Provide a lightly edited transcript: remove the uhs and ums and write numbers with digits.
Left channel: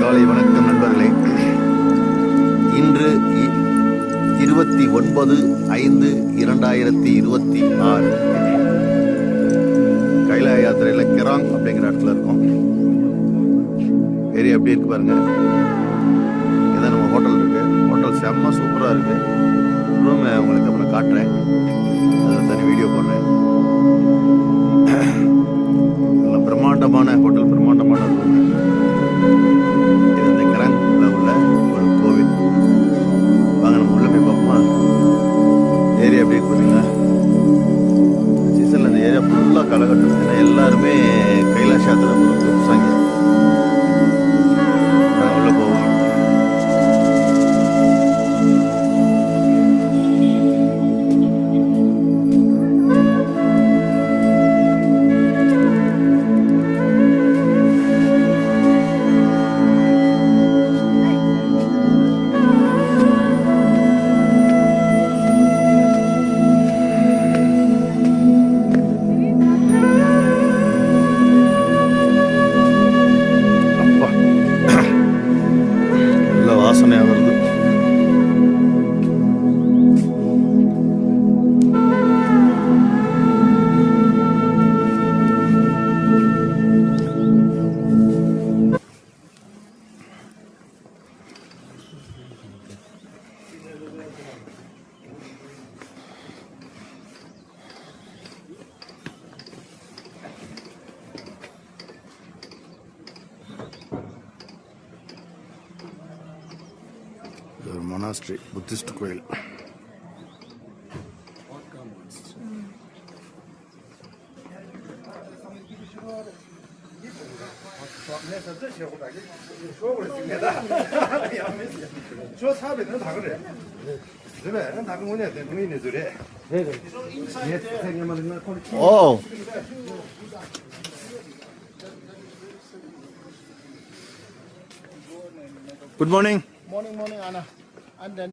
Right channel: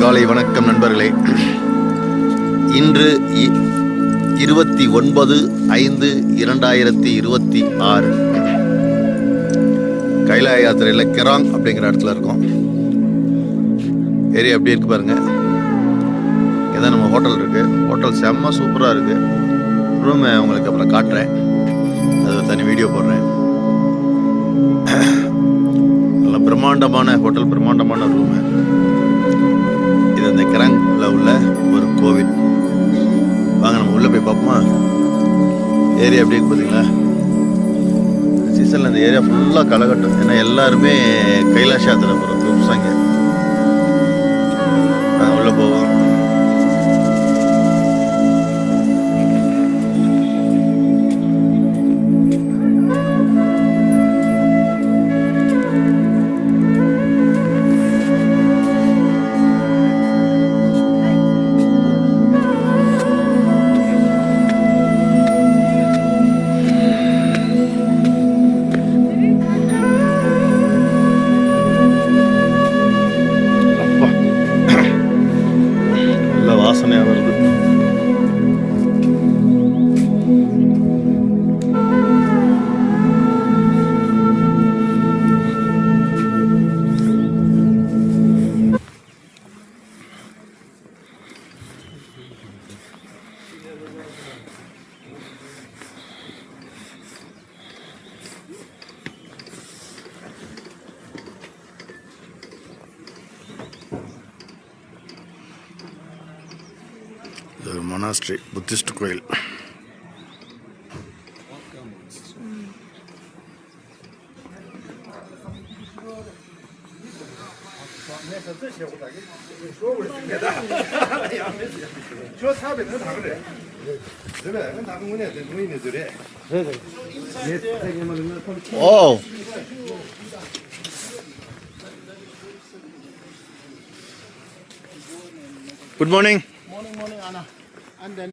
காலை வணக்கம் நண்பர்களே. இன்று 29/5/2026 கைலாய யாத்திரையில் கெராங் அப்படிங்கிற இடத்துல இருக்கோம். ஏரியா எப்படி இருக்கு பாருங்க. இதான் நம்ம ஹோட்டல் இருக்கு. ஹோட்டல் செம்ம சூப்பராக இருக்கு. ரூமை உங்களுக்கு அப்புறம் காட்டுறேன், அது தனி வீடியோ போடுறேன். நல்ல பிரம்மாண்டமான ஹோட்டல், பிரம்மாண்டமான ரூமு. இது அந்த கெராங்கில் உள்ள ஒரு கோவில். வாங்க நம்ம உள்ளே போய் பார்ப்போமா. ஏரியா எப்படி இருக்கு பார்த்தீங்களா. இந்த சீசனில் இந்த ஏரியா ஃபுல்லாக களைகட்டும். ஏன்னா எல்லாருமே கைலாஷ் யாத்திரை போகிறோம் குரூப்ஸ் அங்கே. நாங்கள் உள்ளே போவோம். வாசனையாக வருது. இது ஒரு மொனாஸ்ட்ரி, புத்திஸ்ட் கோயில். Oh, good morning. Morning, Anna. And then